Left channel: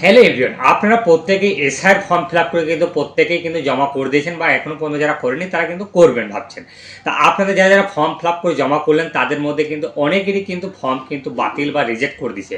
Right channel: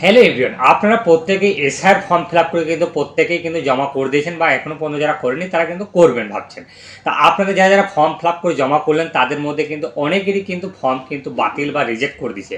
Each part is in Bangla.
হ্যালো এভরিওয়ান আপনারা প্রত্যেকেই এসআর ফর্ম ফিল আপ করে কিন্তু প্রত্যেকেই কিন্তু জমা করে দিয়েছেন বা এখনও পর্যন্ত যারা করেনি তারা কিন্তু করবেন ভাবছেন। তা আপনাদের যারা যারা ফর্ম ফিল আপ করে জমা করলেন, তাদের মধ্যে কিন্তু অনেকেরই কিন্তু ফর্ম কিন্তু বাতিল বা রিজেক্ট করে দিছে।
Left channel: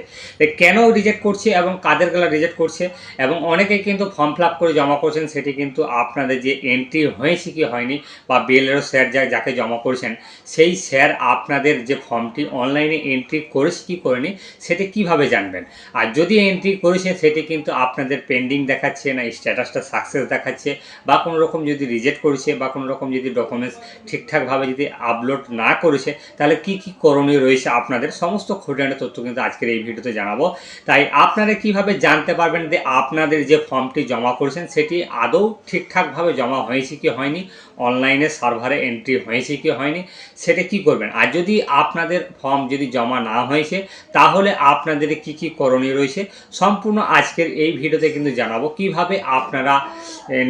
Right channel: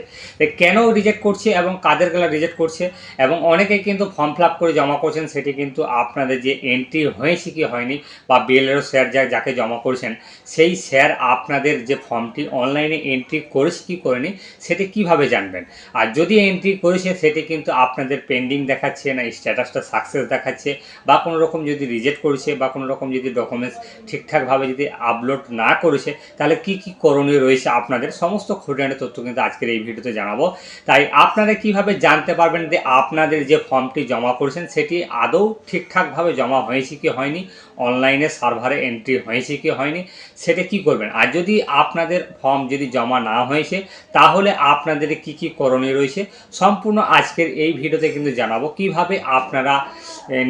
কেন রিজেক্ট করছে এবং কাদের গেলা রিজেক্ট করছে? এবং অনেকেই কিন্তু ফর্ম ফিল আপ করে জমা করছেন, সেটি কিন্তু আপনাদের যে এন্ট্রি হয়েছে কি হয়নি বা বিএলএরও স্যার যা যাকে জমা করেছেন, সেই স্যার আপনাদের যে ফর্মটি অনলাইনে এন্ট্রি করেছে কি করেনি, সেটি কীভাবে জানবেন? আর যদি এন্ট্রি করেছে কিন্তু আপনাদের পেন্ডিং দেখাচ্ছে না স্ট্যাটাসটা সাকসেস দেখাচ্ছে, বা কোনো রকম যদি রিজেক্ট করেছে, বা কোনো রকম যদি ডকুমেন্টস ঠিকঠাকভাবে যদি আপলোড না করেছে, তাহলে কি কি করণীয় রয়েছে আপনাদের? সমস্ত খুঁটিনাটি তথ্য কিন্তু আজকের এই ভিডিওতে জানাব। তাই আপনারা কীভাবে জানতে পারবেন যে আপনাদের যে ফর্মটি জমা করেছেন, সেটি আদৌ ঠিকঠাকভাবে জমা হয়েছে কি হয়নি? অনলাইনে সার্ভারে এন্ট্রি হয়েছে কি হয়নি, সেটা কি করবেন? আর যদি আপনাদের ফর্ম যদি জমা না হয়েছে, তাহলে আপনাদের কি কি করণীয় রয়েছে? সম্পূর্ণ আজকের এই ভিডিওতে কিন্তু জানাব কীভাবে আপনারা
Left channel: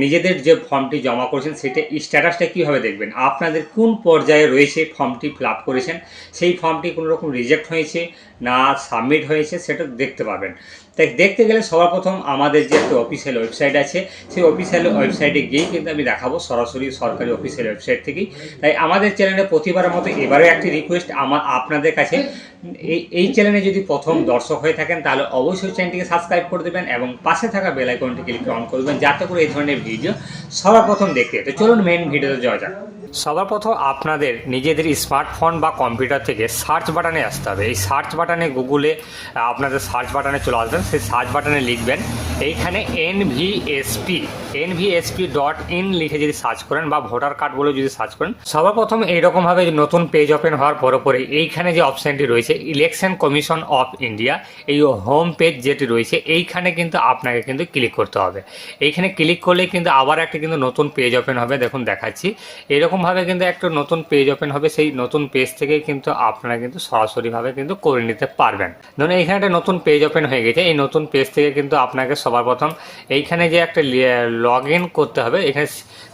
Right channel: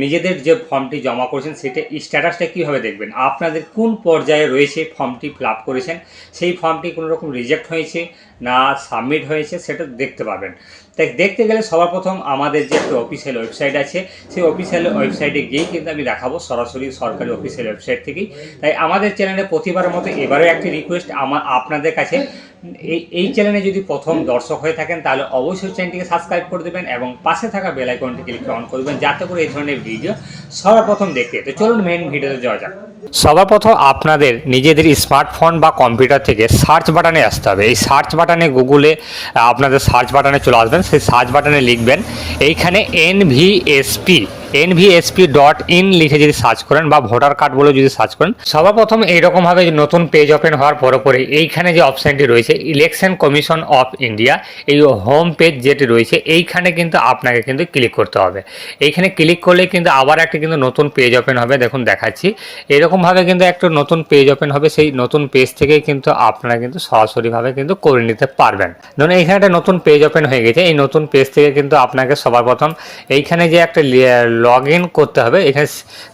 নিজেদের যে ফর্মটি জমা করেছেন, সেটা স্ট্যাটাসটা কীভাবে দেখবেন? আপনাদের কোন পর্যায়ে রয়েছে ফর্মটি ফিল করেছেন? সেই ফর্মটি কোনো রকম রিজেক্ট হয়েছে? না সাবমিট হয়েছে সেটা দেখতে পাবেন। তাই দেখতে গেলে সবার প্রথম আমাদের যে একটা অফিসিয়াল ওয়েবসাইট আছে, সেই অফিসিয়াল ওয়েবসাইটে গিয়েই কিন্তু আমি দেখাবো সরাসরি সরকারি অফিসিয়াল ওয়েবসাইট থেকেই। তাই আমাদের চ্যানেলে প্রতিবারের মতো এবারেও একটি রিকোয়েস্ট আমার আপনাদের কাছে। এই এই চ্যানেলে যদি প্রথম দর্শক হয়ে থাকেন, তাহলে অবশ্যই চ্যানেলটিকে সাবস্ক্রাইব করে দেবেন এবং পাশে থাকা বেল আইকনটি ক্লিক অন করবেন, যাতে করে এই ধরনের ভিডিও সবার প্রথম দেখতে তো চলুন মেন ভিডিওতে যাওয়া যাক। সবার প্রথম আপনাদের নিজেদের স্মার্টফোন বা কম্পিউটার থেকে সার্চ বাটনে আসতে হবে। এই সার্চ বাটনে গুগলে আপনাদের সার্চ বাটনে চলে আসবেন। সেই সার্চ বাটনে লিখবেন এইখানে এনভিএসপি এনভিএসপি ডট ইন লিখে যদি সার্চ করেন বা ভোটার কার্ড বলে যদি সার্চ করেন সবার প্রথম এইরকমভাবে নতুন পেজ ওপেন হওয়ার পরে পরে এইখানে যে অপশানটি রয়েছে ইলেকশন কমিশন অফ ইন্ডিয়া এই হোম পেজ যেটি রয়েছে, এইখানে কিন্তু আপনাকে কিন্তু ক্লিক করতে হবে। এইখানে ক্লিক করলে কিন্তু আবার একটা কিন্তু নতুন পেজ ওপেন হবে, দেখুন দেখাচ্ছি। এরকমভাবে কিন্তু একটা নতুন পেজ ওপেন হবে, সেই নতুন পেজ থেকেই কিন্তু আপনারা কিন্তু সরাসরিভাবে কিন্তু করে নিতে পারবেন। ধরুন এইখানে একটা নতুন পেজ ওপেন হয়ে গেছে, এই নতুন পেজ থেকে কিন্তু আপনাকে সবার প্রথম এইখানে যে একটা লগ ইন করতে হবে। এখানে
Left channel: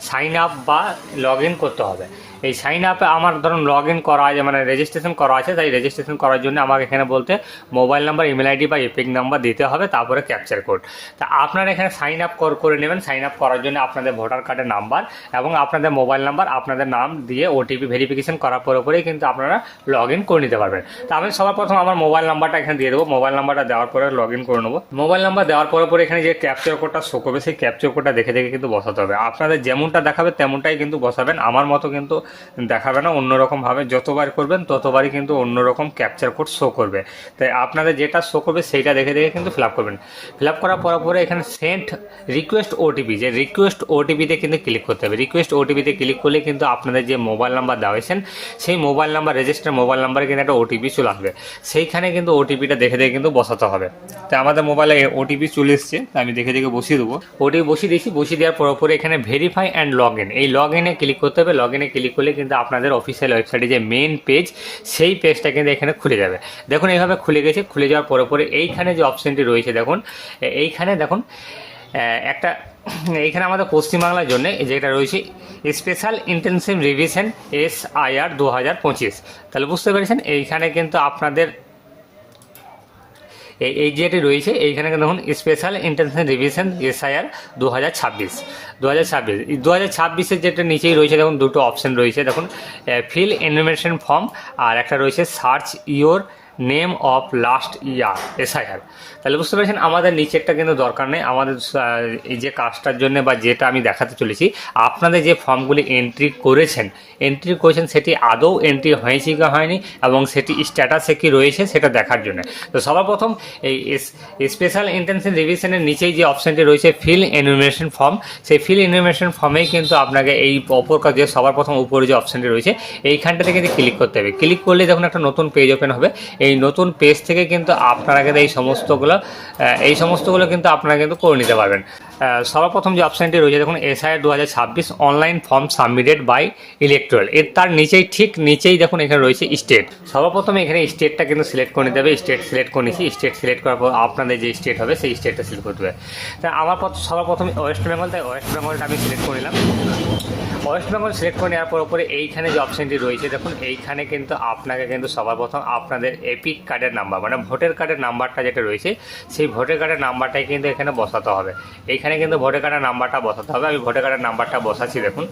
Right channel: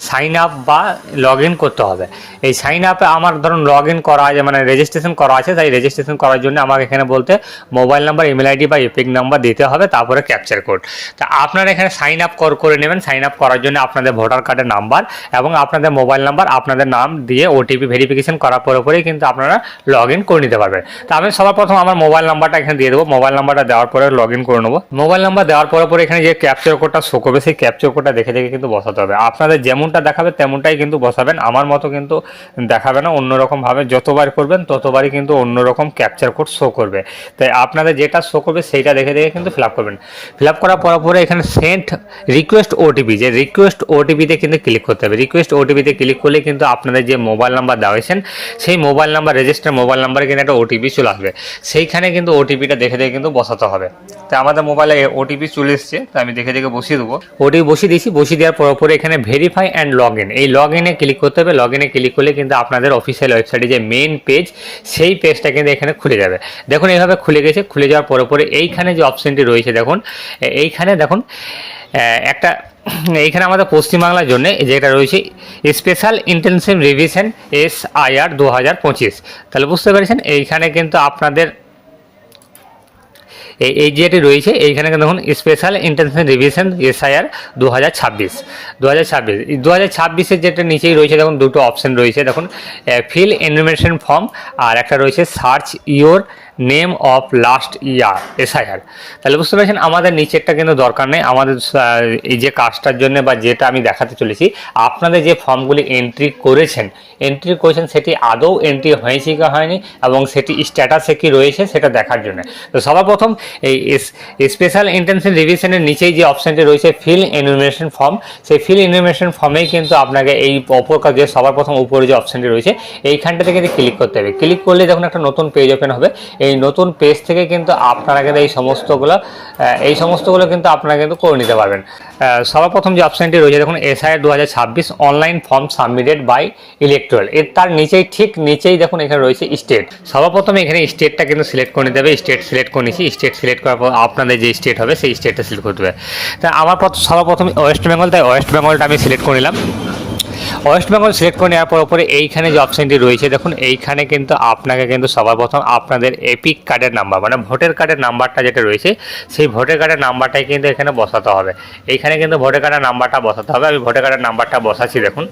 সাইন আপ বা লগ ইন করতে হবে। এই সাইন আপে আমার ধরুন লগ ইন করা আছে মানে রেজিস্ট্রেশন করা আছে, তাই রেজিস্ট্রেশন করার জন্য আমাকে এখানে বলতে মোবাইল নাম্বার ইমেল আইডি বা এপিক নাম্বার দিতে হবে, তারপরে ক্যাপচার কোড তা আপনারা এখানে সাইন আপ করে নেবেন। সাইন আপ করার জন্য আপনাদের ভোটার কার্ডের নাম্বার এবং আপনাদের মোবাইল নাম্বার আপনাদের নাম দিয়ে ওটিপি ভেরিফিকেশন করার পরে পরেই কিন্তু আপনারা লগ ইন করে নিতে পারবেন। তা আমি সবার প্রথম আমার মোবাইল নাম্বারটা এখানে দিয়ে দেবো। মোবাইল নাম্বারটা দেওয়ার পরে লগ ইন করে নেব। মোবাইল নাম্বার দেওয়ার পরে পরে এখানে যে ক্যাপচার কোডটা শো করবে, সেই ক্যাপচার কোডটা দেখে দেখে কিন্তু বসাতে হবে। আপনাদের যেমনটা দেখাবে তেমনটাই কিন্তু বসাবেন। আমার মতো কিন্তু দেখাবে না, অন্যরকমভাবে যতবার করবেন ততবারই কিন্তু অন্যরকম ক্যাপচার কোড শো করবে। তাই আপনাদের যেটা শো করবে সেইটা দেখে দেখে কিন্তু ফিল আপ করবেন। ফিল আপ করার পর পরে এখানে সেন্ট রিকোয়েস্ট ওটিপি যে রিকোয়েস্ট ওটিপিতে কিন্তু ক্লিক করতে হবে। রিকোয়েস্ট ওটিপিতে ক্লিক করলে কিন্তু আপনাদের যে মোবাইল নাম্বার দেওয়া হয়েছেন সেই মোবাইল নাম্বার রেজিস্টার মোবাইল নাম্বারে কিন্তু একটা ওটিপি চলে আসবে। সেইখানে কিন্তু ওটিপিটা দেখে দেখে কিন্তু বসাতে হবে। তো আমাদের মোবাইলে ওটিপি চলে এসছে আমি দেখে দেখে বসিয়ে দেবো। ওটিপি বসিয়ে দিয়েছি বসিয়ে দেওয়ার পর পরে এখানে ভেরিফাই অ্যান্ড লগ ইন এই লগ ইনে ক্লিক করতে হবে। লগ ইনে ক্লিক করলে কিন্তু আপনাদের অফিসিয়াল ওয়েবসাইটে যে মেন পেজ সেই পেজটা কিন্তু এখানে খুলে যাবে। দেখুন, এইভাবে খুলে গেছে। খুলে যাওয়ার পরে পরে এইখানে যে অপশনটি রয়েছে, দেখুন এইখানে দেখুন একটা, এইখানে আমাদের পশ্চিমবাংলার জন্য যেটা রয়েছে special intensive revision S IR দু হাজার পঁচিশ। তাহলে বুঝতে পেরেছেন? এইখানে কিন্তু আপনাদের এই যেটি রয়েছে, এইখানে দেখুন স্পেশাল ইন্টারন্যাশনাল রিভিশন এসআইআর দু হাজার ছাব্বিশ। দু হাজার ছাব্বিশ দু হাজার ছাব্বিশের যেটা নিচেই রয়েছে, দেখুন, দুটো অপশন রয়েছে, দেখুন ফিল এনিমেশন ফর্ম আর একটা রয়েছে search your name of last year SIR তাহলে বুঝতে পেরেছেন, আমাদের নিচেরটা কিন্তু দরকার নেই। আমাদের এই যে কাজটার জন্য বা যেটা আমি দেখাতে চলেছি, আপনাদের যে ফর্মগুলি এন্ট্রি করেছেন এন্ট্রি করেছেন, সেটি আদৌ এন্ট্রি হয়েছে কি হয়নি এবং সেটি স্ট্যাটাসে কি রয়েছে সেটা দেখার জন্য। তো সবার প্রথম এই স্পেশাল ইন্টেনশন রিভিশনের নিচেই যে অপশানটি রয়েছে ফিল এনুমিনেশন ফর্ম সেই ফিল এনুমিনেশন ফর্মেই কিন্তু আপনাকে এই অপর যে সবার প্রথম উপরে যে অপশানটি রয়েছে, এইখানটাতে কিন্তু ক্লিক করতে হবে। ক্লিক করলে যখন একটা নতুন পেজ ওপেন হবে। এই নতুন পেজ থেকে কিন্তু আপনারা কিন্তু এই সমস্তগুলো এই সমস্তগুলো কিন্তু আপনারা কিন্তু করে নিতে পারবেন। সর্বপ্রথম যে অপশানটি রয়েছে, দেখুন এসআই দু হাজার ছাব্বিশ online form submitted by electoral এর তার নিচেই, ঠিক নিচেই দেখুন, এখানে রয়েছে স্টেট সর্বপ্রথম এখানে স্টেটটা কিন্তু সিলেক্ট করে নিতে হবে। স্টেট সিলেক্ট করে নিচ্ছি স্টেট সিলেক্ট করার পর আপনাদের যে স্টেট হবে, সেই স্টেটটা সিলেক্ট করতে হবে। তা আমার প্রথম সর্বপ্রথম ওয়েস্ট বেঙ্গল তাই ওয়েস্ট বেঙ্গলটা আমি সিলেক্ট করে নিলাম। ওয়েস্ট বেঙ্গল সিলেক্ট করে নেওয়ার পর পরে এইখানে যে অপশানটি রয়েছে, দেখুন, এইখানে কিন্তু আপনাকে কিন্তু সবার প্রথম আপনাদের এপিক কার্ডের নাম্বার মানে ভোটার কার্ডের নাম্বারটা যেটা রয়েছে, সেই ভোটার কার্ডের নাম্বারটাই কিন্তু এখানে বসাতে হবে। এইখানে কিন্তু ভোটার কার্ডের নাম্বারটা বসাতে হবে। আমি ভোটার কার্ডের নাম্বারটা বসাচ্ছি, দেখুন,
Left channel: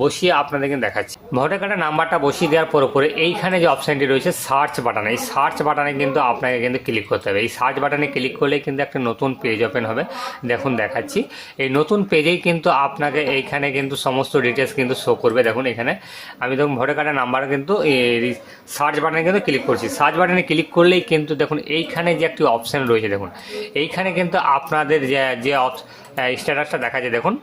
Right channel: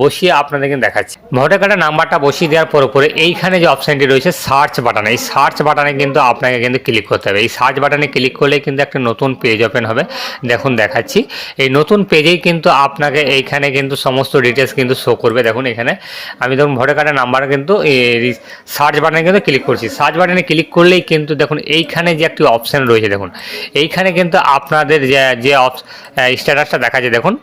বসিয়ে আপনাদের কিন্তু দেখাচ্ছি। ভোটার কার্ডের নাম্বারটা বসিয়ে দেওয়ার পর পরে এইখানে যে অপশানটি রয়েছে সার্চ বাটন এই সার্চ বাটনে কিন্তু আপনাকে কিন্তু ক্লিক করতে হবে। এই সার্চ বাটনে ক্লিক করলে কিন্তু একটা নতুন পেজ ওপেন হবে। দেখুন, দেখাচ্ছি। এই নতুন পেজেই কিন্তু আপনাকে এইখানে কিন্তু সমস্ত ডিটেলস কিন্তু শো করবে। দেখুন এখানে। আমি দেখুন ভোটার কার্ডের নাম্বার কিন্তু সার্চ বাটনে কিন্তু ক্লিক করছি। সার্চ বাটনে ক্লিক করলেই কিন্তু দেখুন, এইখানে যে একটি অপশান রয়েছে দেখুন, এইখানে কিন্তু আপনাদের যে যে স্ট্যাটাসটা দেখা যায় দেখুন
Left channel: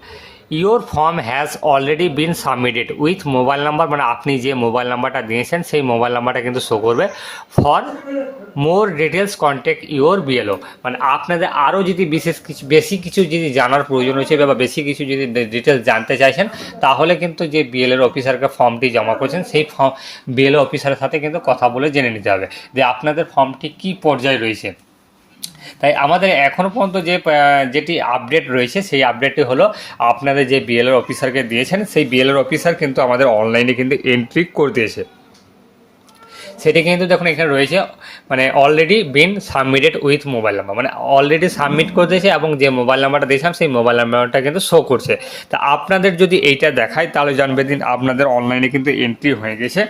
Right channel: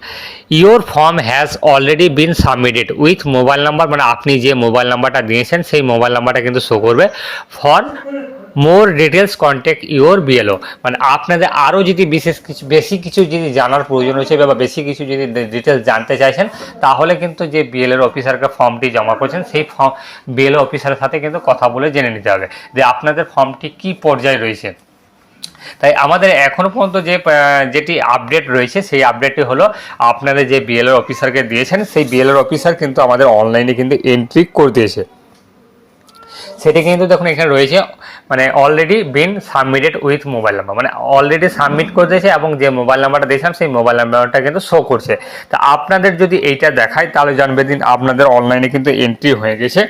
your form has already been submitted with mobile number মানে আপনি যে মোবাইল নাম্বারটা দিয়েছেন, সেই মোবাইল নাম্বারটা কিন্তু শো করবে for more details contact your BLO মানে আপনাদের আরও যদি বিশেষ কিছু, বেশি কিছু যদি জানার প্রয়োজন হয়েছে বা বেশি কিছু যদি ডিটেলস জানতে চাইছেন, তাহলে কিন্তু যে বিএলএর অফিসারকে ফর্মটি জমা করছেন, সেই ফর্ম বিএলও অফিসারের সাথে কিন্তু কথা বলে জেনে নিতে হবে যে আপনাদের ফর্মটি কী পর্যায়ে রয়েছে। তাই আমাদের এখনও পর্যন্ত যে যেটি আপডেট রয়েছে, সেই আপডেটটি হলো আপনাদের যে বিএলএর অফিসারকে দিয়েছেন, সেই বিএলএর অফিসার কিন্তু আমাদের অনলাইনে কিন্তু এন্ট্রি করে দিয়েছে। সেটি কিন্তু দেখুন এখানে রয়েছে মানে already been submitted with mobile number মানে অলরেডি সাবমিট করে দিয়েছে এবং যে মোবাইল নাম্বারটা দিয়েছিলাম, সেই মোবাইল নাম্বারটা কিন্তু শো করছে। তা আপনাদের যদি এইটা দেখায়, তাহলে জানবে দিন আপনাদের অনলাইনে কিন্তু এন্ট্রি হয়ে গেছে।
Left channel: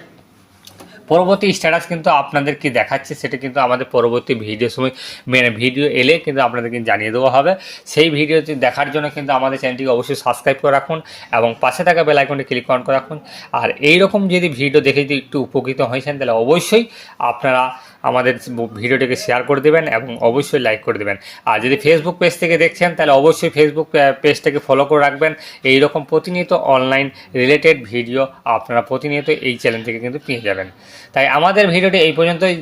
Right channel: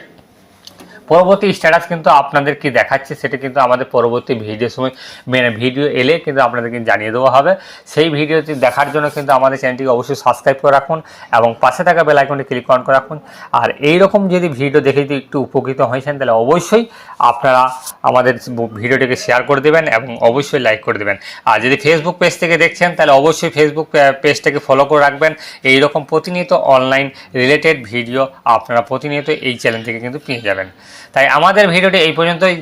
পরবর্তী স্ট্যাটাস কিন্তু আপনাদের কি দেখাচ্ছে, সেটা কিন্তু আমাদের পরবর্তী ভিডিও সময় মানে ভিডিও এলে কিন্তু আপনাদেরকে জানিয়ে দেওয়া হবে। সেই ভিডিওটি দেখার জন্য কিন্তু আমাদের চ্যানেলটিকে অবশ্যই সাবস্ক্রাইব করে রাখুন এবং পাশে থাকা বেল আইকনটি ক্লিক অন করে রাখুন। আর এই রকম যদি ভিডিও দেখে যদি একটু উপকৃত হয়েছেন, তাহলে অবশ্যই আপনারা আমাদের ভিডিওটিকে শেয়ার করে দেবেন এবং অবশ্যই লাইক করে দেবেন। আর যদি ফেসবুক পেজ থেকে দেখছেন, তাহলে অবশ্যই ফেসবুক পেজটাকে ফলো করে রাখবেন। এই রকম প্রতিনিয়ত অনলাইন রিলেটেড ভিডিও আপনারা প্রতিনিয়ত এই চ্যানেল থেকে কিন্তু পেয়ে যাবেন। তাই আমাদের ভিডিওটি এই পর্যন্তই।